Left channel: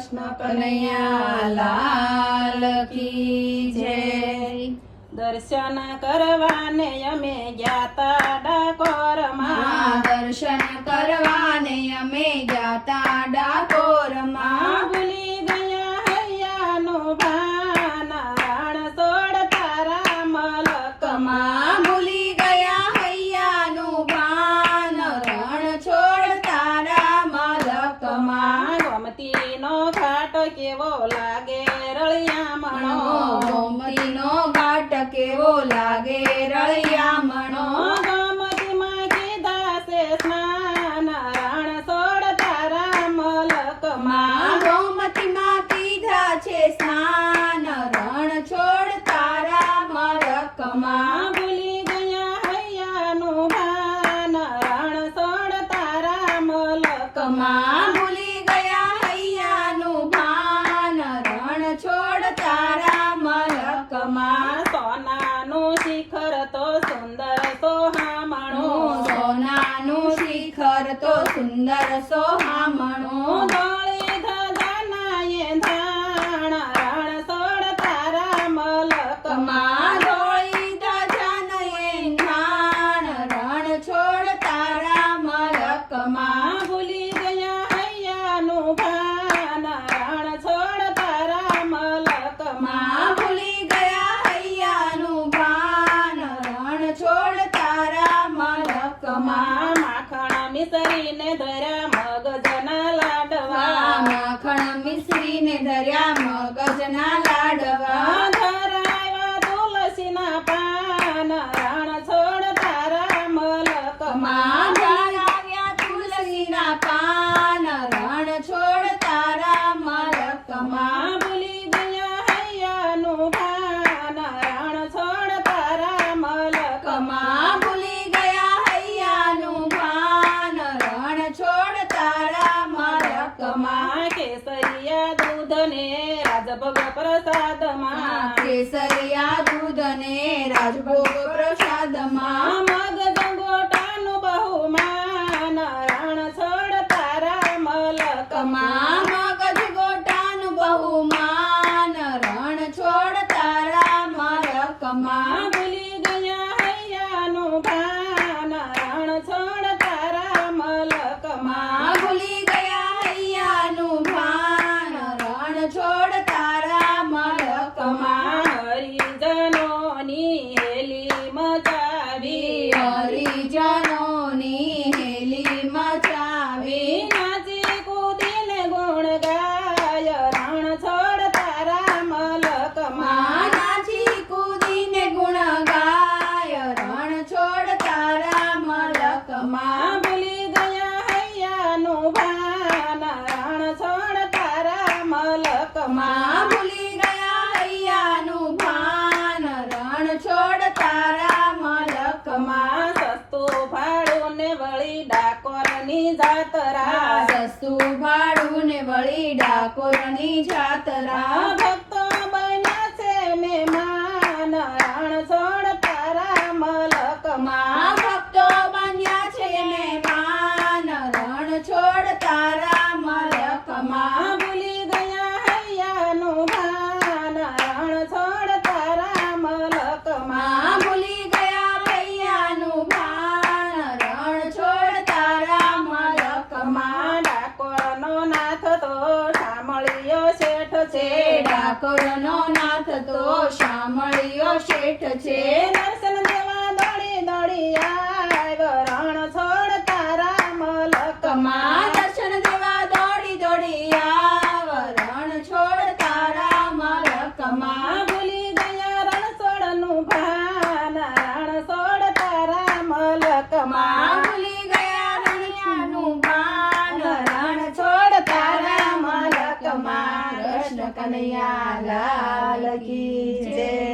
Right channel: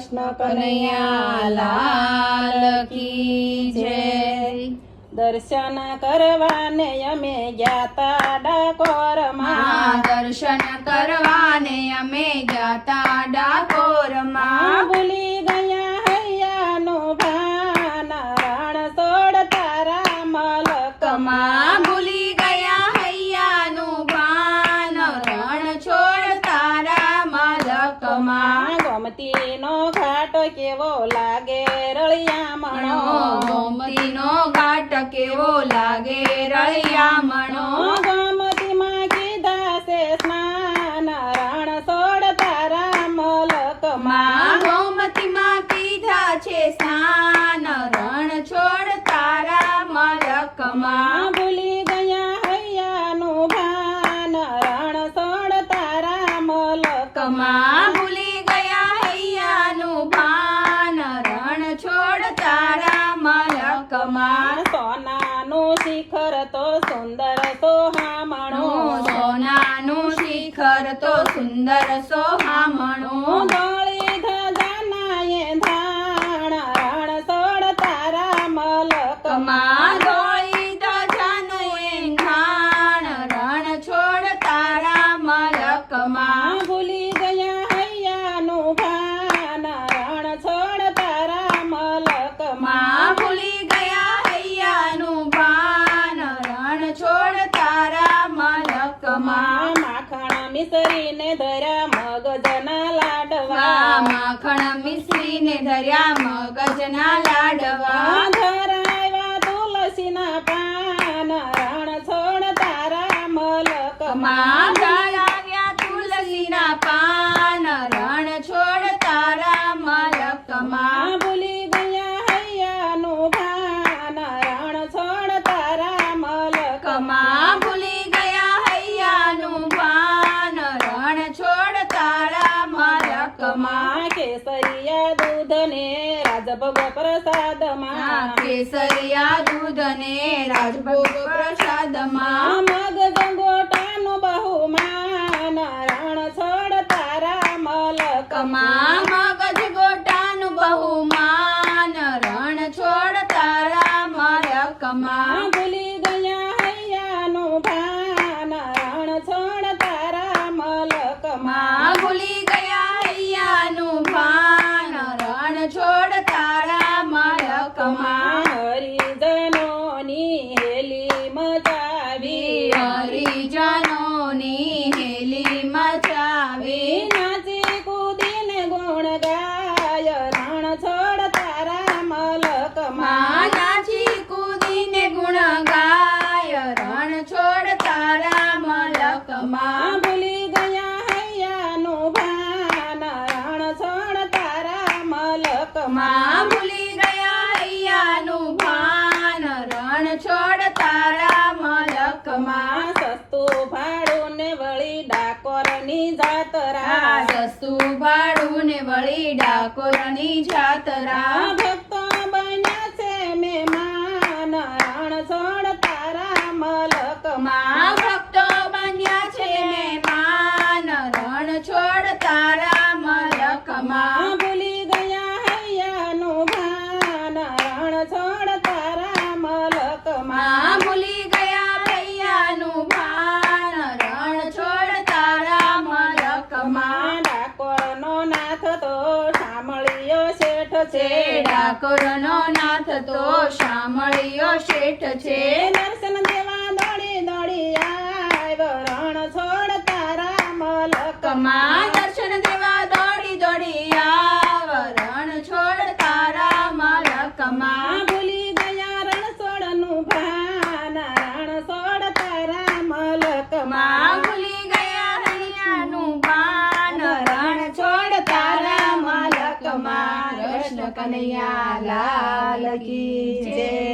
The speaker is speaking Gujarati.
કૃષ્ણ કનૈયા લાલ કી જય। દર્શન કરવાને અમે ગ્યાતા ડાકોરમાં, દર્શન કરવાને અમે ગ્યાતા ડાકોરમાં। ભૂલી ગયા હૈયાનું ભાન રણછોડ તારા મલકમાં, ભૂલી ગયા હૈયાનું ભાન રણછોડ તારા મલકમાં। ગોમતીનો ઘાટ કેવો લાગે રળિયામણો, ગોમતીનો ઘાટ કેવો લાગે રળિયામણો। ગોમતીમાં કીધા છે સ્નાન રણછોડ તારા મલકમાં, ગોમતીમાં કીધા છે સ્નાન રણછોડ તારા મલકમાં। ભૂલી ગયા હૈયાનું ભાન રણછોડ તારા મલકમાં, ભૂલી ગયા હૈયાનું ભાન રણછોડ તારા મલકમાં। સોનાનું શિખર તો સુંદર સોહામણું, સોનાનું શિખર તો સુંદર સોહામણું। ધોળી ધજાના એંધાણ રણછોડ તારા મલકમાં, ધોળી ધજાના એંધાણ રણછોડ તારા મલકમાં। ભૂલી ગયા હૈયાનું ભાન રણછોડ તારા મલકમાં, ભૂલી ગયા હૈયાનું ભાન રણછોડ તારા મલકમાં। માખણ મિસરીને ધર્યા મગજના લાડવા, માખણ મિશ્રીને ધર્યા મગજના લાડવા। ધરાવ્યા તુલસીના પાન રણછોડ તારા મલકમાં, ધરાવ્યા તુલસીના પાન રણછોડ તારા મલકમાં। ભૂલી ગયા હૈયાનું ભાન રણછોડ તારા મલકમાં, ભૂલી ગયા હૈયાનું ભાન રણછોડ તારા મલકમાં। કેસરિયા દૂધને રાજભોગ પ્રસાદમાં, કેસરિયા દૂધને રાજભોગ પ્રસાદમાં। મગ ગંગોટાનું બહુમાન રણછોડ તારા મલકમાં, મગજ ગોટાનું બહુમાન રણછોડ તારા મલકમાં। ભૂલી ગયા હૈયાનું ભાન રણછોડ તારા મલકમાં, ભૂલી ગયા હૈયાનું ભાન રણછોડ તારા મલકમાં। હરિજનોની હેલી મચાવી, હરિજનોની હેલી મચાવી। નાચી કૂદીને ગુણ ગાય રણછોડ તારા મલકમાં, નાચી કૂદીને ગુણ ગાય રણછોડ તારા મલકમાં। ભૂલી ગયા હૈયાનું ભાન રણછોડ તારા મલકમાં, ભૂલી ગયા હૈયાનું ભાન રણછોડ તારા મલકમાં। સસ્તું ભાડું ને વળી ડાકોરની જાતરા, સસ્તું ભાડું ને વળી ડાકોરની જાતરા। ભક્તો બન્યા છે મહેમાન રણછોડ તારા મલકમાં, ભક્તો બન્યા છે મહેમાન રણછોડ તારા મલકમાં। ભૂલી ગયા હૈયાનું ભાન રણછોડ તારા મલકમાં, ભૂલી ગયા હૈયાનું ભાન રણછોડ તારા મલકમાં। ડાકોરનો નાથ તો શામળિયો શેઠ છે, ડાકોરનો નાથ તો શામળિયો શેઠ છે। દર્શન દેવા દોડી દોડી આવ્યો રણછોડ તારા મલકમાં, દર્શન દેવા દોડી દોડી આવ રણછોડ તારા મલકમાં। ભૂલી ગયા રણછોડનું ભાન રણછોડ તારા મલકમાં, ભૂલી ગયા રણિયાનું ભાન રણછોડ તારા મલકમાં। કૃષ્ણ કનૈયા લાલ કી જય।